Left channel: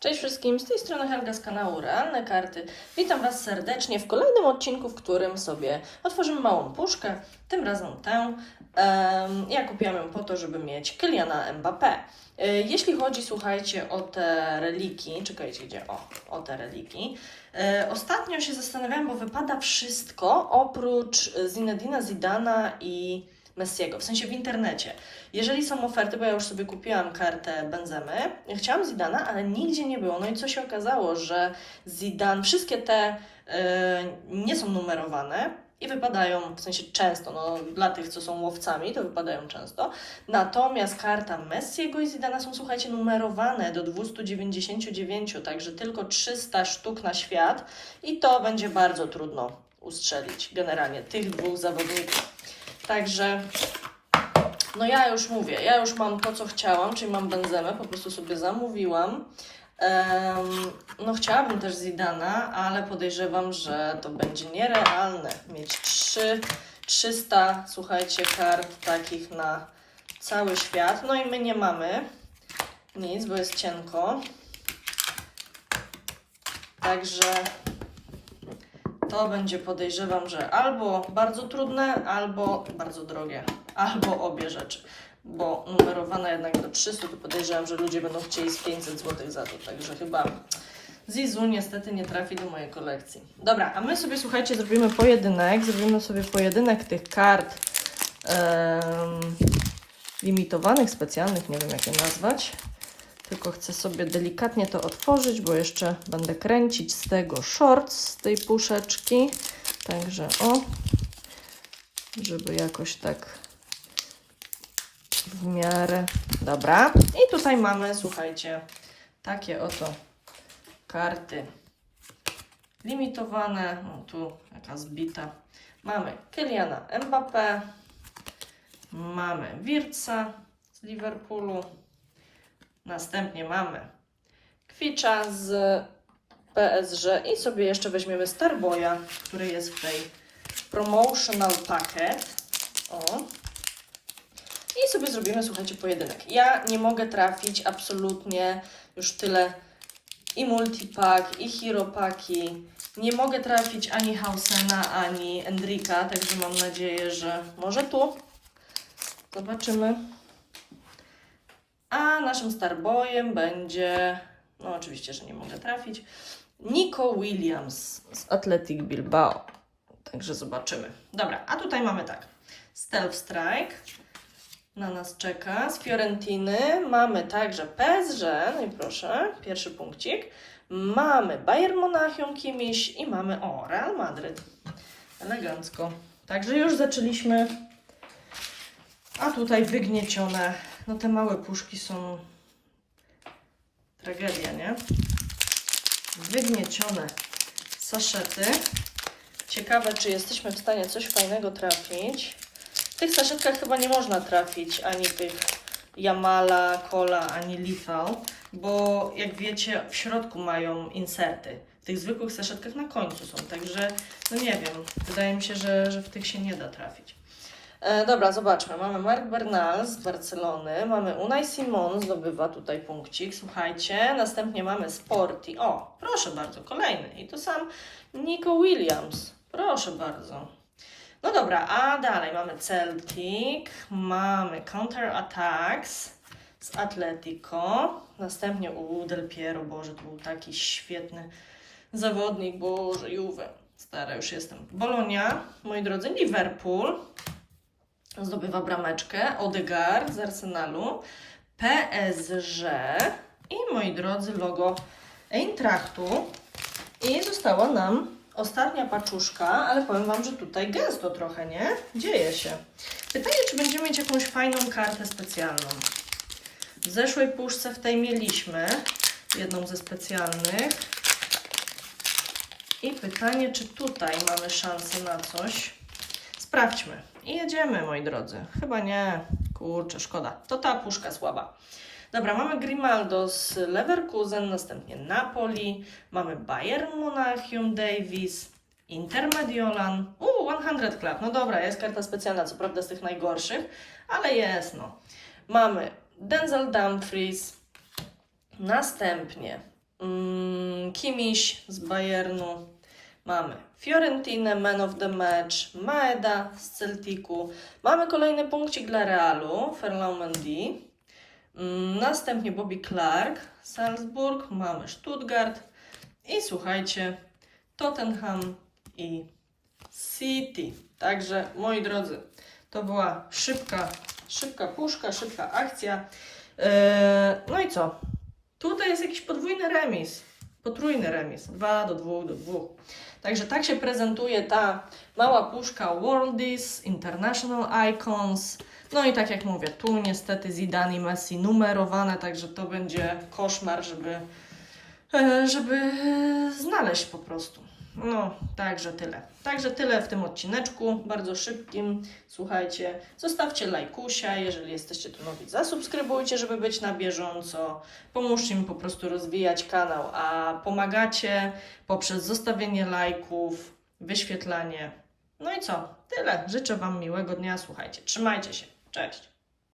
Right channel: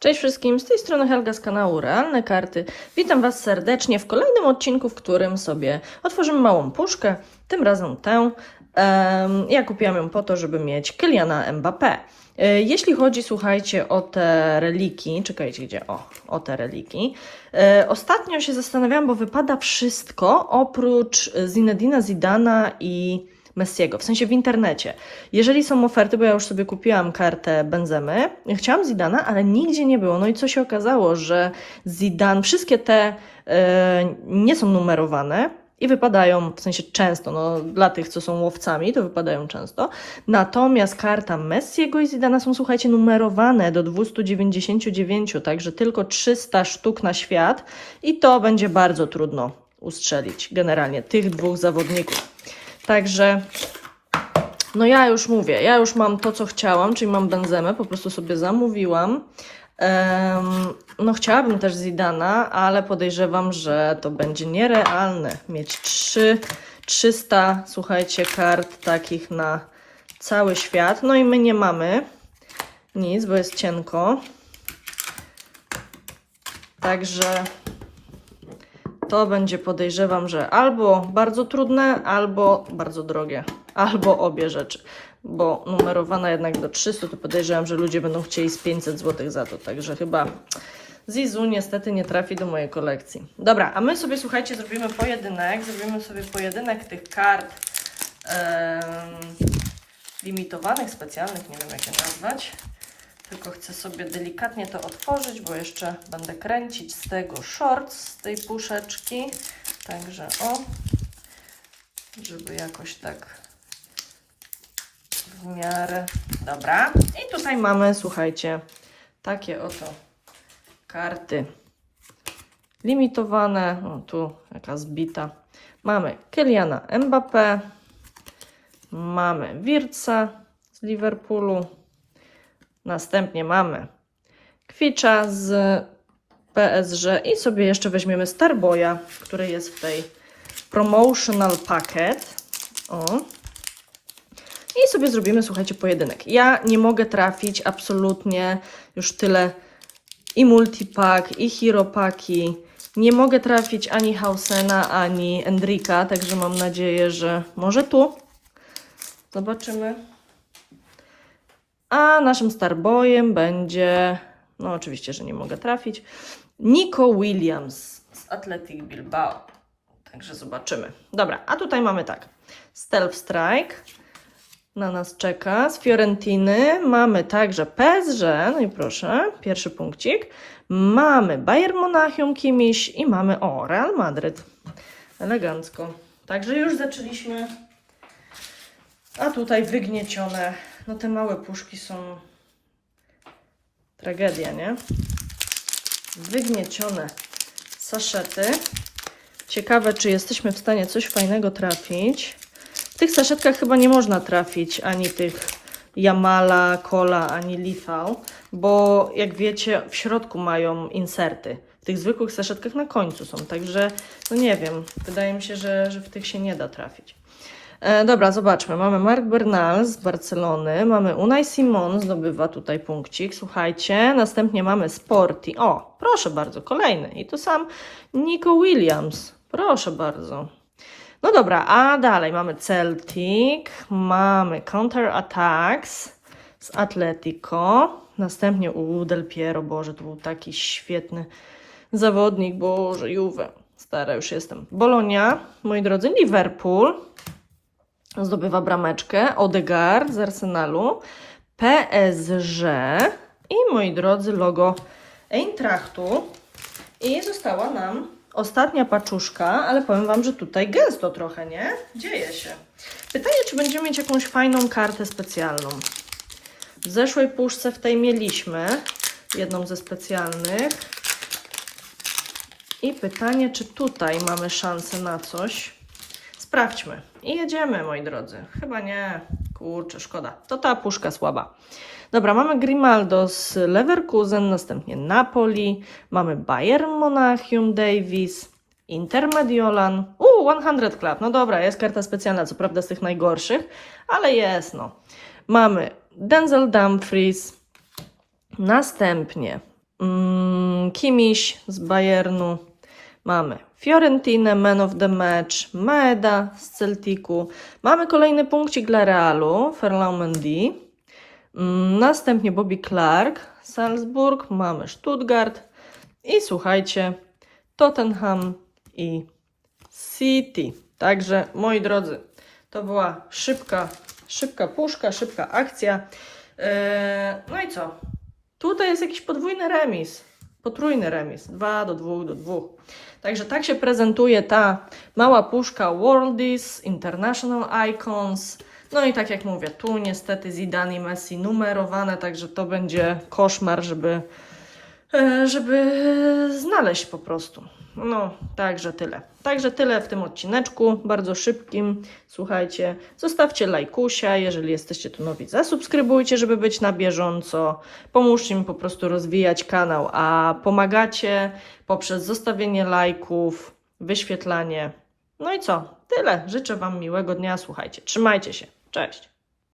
Cześć wszystkim, z tej strony Helga z kanału Realne Karty. Witam Was serdecznie w kolejnym odcinku, w którym sobie otworzymy małą puszkę, tym razem tę. Ja kupiłam ją po to, żeby mieć Kyliana Mbappé. E, Jeśli chodzi, słuchajcie, o te reliki, czekajcie gdzie, o, o te reliki. E, ostatnio się zastanawiałam, bo wypada wszystko oprócz Zinedina Zidana i Messiego, w sensie w internecie. Jeżeli są oferty, bo ja już sobie kupiłam kartę Benzemy, chciałam Zidana, ale nigdzie nie było. No i co się okazało, że Zidane, wszystkie te e, nie są numerowane i wypadają, w sensie często, no dla tych, co są łowcami, to wypadają często. Natomiast karta Messiego i Zidana są, słuchajcie, numerowane do 299, także tylko 300 sztuk na świat i to będzie bardzo trudno ustrzelić generalnie tych dwóch zawodników. Także no ja już mówię, ja już mam to, co chciałam, czyli mam Benzemę, po prostu sobie zamówiłam. No chciałabym też Zidana, ale podejrzewam, że to będzie nierealne mieć 3, 300, słuchajcie, kart takich na cały świat. No i my nie mamy nic, bo jest cienko. Także to będzie podejrzewam, że albo bardzo trudne, albo bardzo drogie, albo obie rzeczy. Bo numerowana jednak do 300, to podejrzewam, że ludzie będą chcieli z 500 zł za to. Także chyba Zizu niestety nie trafi do mojej kolekcji. Dobra, a my sobie słuchajcie, zrobimy pojedynek. Zrobimy sobie pojedynek tych kart limitowanych, specjalnych, nie wiem jak je nazwać. Tylko chcę sobie delikatnie to otworzyć, bo jeszcze będę kręcić z tego short, z tej puszeczki. Także o, żeby jakoś tak w miarę. Dobra. I tutaj mamy, słuchajcie, takie oto karty limitowane. O, tu jaka zbita. Mamy Kyliana Mbappé, mamy Wirca z Liverpoolu, Następnie mamy Kwicza z PSG i sobie jeszcze weźmiemy Starboya, który jest w tej promotional packet. O. I sobie zrobimy, słuchajcie, pojedynek. Ja nie mogę trafić absolutnie już tyle i multipack, i hero paki. Nie mogę trafić ani Hausena, ani Endrika, także mam nadzieję, że może tu. Zobaczymy. A naszym Starboyem będzie, no oczywiście, że nie mogę trafić, Nico Williams z Athletic Bilbao. Także zobaczymy. Dobra, a tutaj mamy tak. Stealth Strike na nas czeka. Z Fiorentiny mamy także PSG, no i proszę, pierwszy punkcik. Mamy Bayern Monachium Kimiś i mamy, o, Real Madryt. Elegancko. Także już zaczęliśmy. A tutaj wygniecione no te małe puszki są tragedia, nie? Wygniecione saszety. Ciekawe, czy jesteśmy w stanie coś fajnego trafić. W tych saszetkach chyba nie można trafić ani tych Jamala, Cola, ani Lethal, bo jak wiecie, w środku mają inserty. W tych zwykłych saszetkach na końcu są, także no nie wiem, wydaje mi się, że, że w tych się nie da trafić. E, dobra, zobaczmy. Mamy Mark Bernal z Barcelony, mamy Unai Simon, zdobywa tutaj punkcik, słuchajcie. Następnie mamy Sporty. O, proszę bardzo, kolejny. I tu sam Nico Williams. Proszę bardzo. No dobra, a dalej mamy Celtic, mamy Counter Attacks z Atletico. Następnie u Del Piero, Boże, to był taki świetny zawodnik, Boże, Juve. Stara już jestem. Bolonia, moi drodzy, Liverpool zdobywa brameczkę. Odegaard z Arsenalu, PSG i moi drodzy logo Eintrachtu. I została nam ostatnia paczuszka, ale powiem Wam, że tutaj gęsto trochę, nie? Dzieje się. Pytanie, czy będziemy mieć jakąś fajną kartę specjalną. W zeszłej puszce w tej mieliśmy jedną ze specjalnych. I pytanie, czy tutaj mamy szansę na coś. Sprawdźmy. I jedziemy, moi drodzy. Chyba nie. Kurczę, szkoda. To ta puszka słaba. Dobra, mamy Grimaldo z Leverkusen, następnie Napoli, mamy Bayern Monachium, Davis, Inter Mediolan, uuu, 100 Club, no dobra, jest karta specjalna, co prawda z tych najgorszych, ale jest, no. Mamy Denzel Dumfries, następnie mm, Kimiś z Bayernu, mamy Fiorentinę, Man of the Match, Maeda z Celticu, mamy kolejny punkcik dla Realu, Ferland Mendy, Mm, następnie Bobby Clark, Salzburg, mamy Stuttgart i słuchajcie, Tottenham i City. Także moi drodzy, to była szybka, szybka puszka, szybka akcja. Eee, no i co? Tutaj jest jakiś podwójny remis, potrójny remis, 2 do 2 do 2. Także tak się prezentuje ta mała puszka Worldies, International Icons. No i tak jak mówię, tu niestety Zidane i Messi numerowane, także to będzie koszmar, żeby, e, żeby znaleźć po prostu. No, także tyle. Także tyle w tym odcineczku, bardzo szybkim. Słuchajcie, zostawcie lajkusia, jeżeli jesteście tu nowi, zasubskrybujcie, żeby być na bieżąco. Pomóżcie mi po prostu rozwijać kanał, a pomagacie poprzez zostawienie lajków, wyświetlanie. No i co? Tyle. Życzę Wam miłego dnia. Słuchajcie, trzymajcie się. Cześć.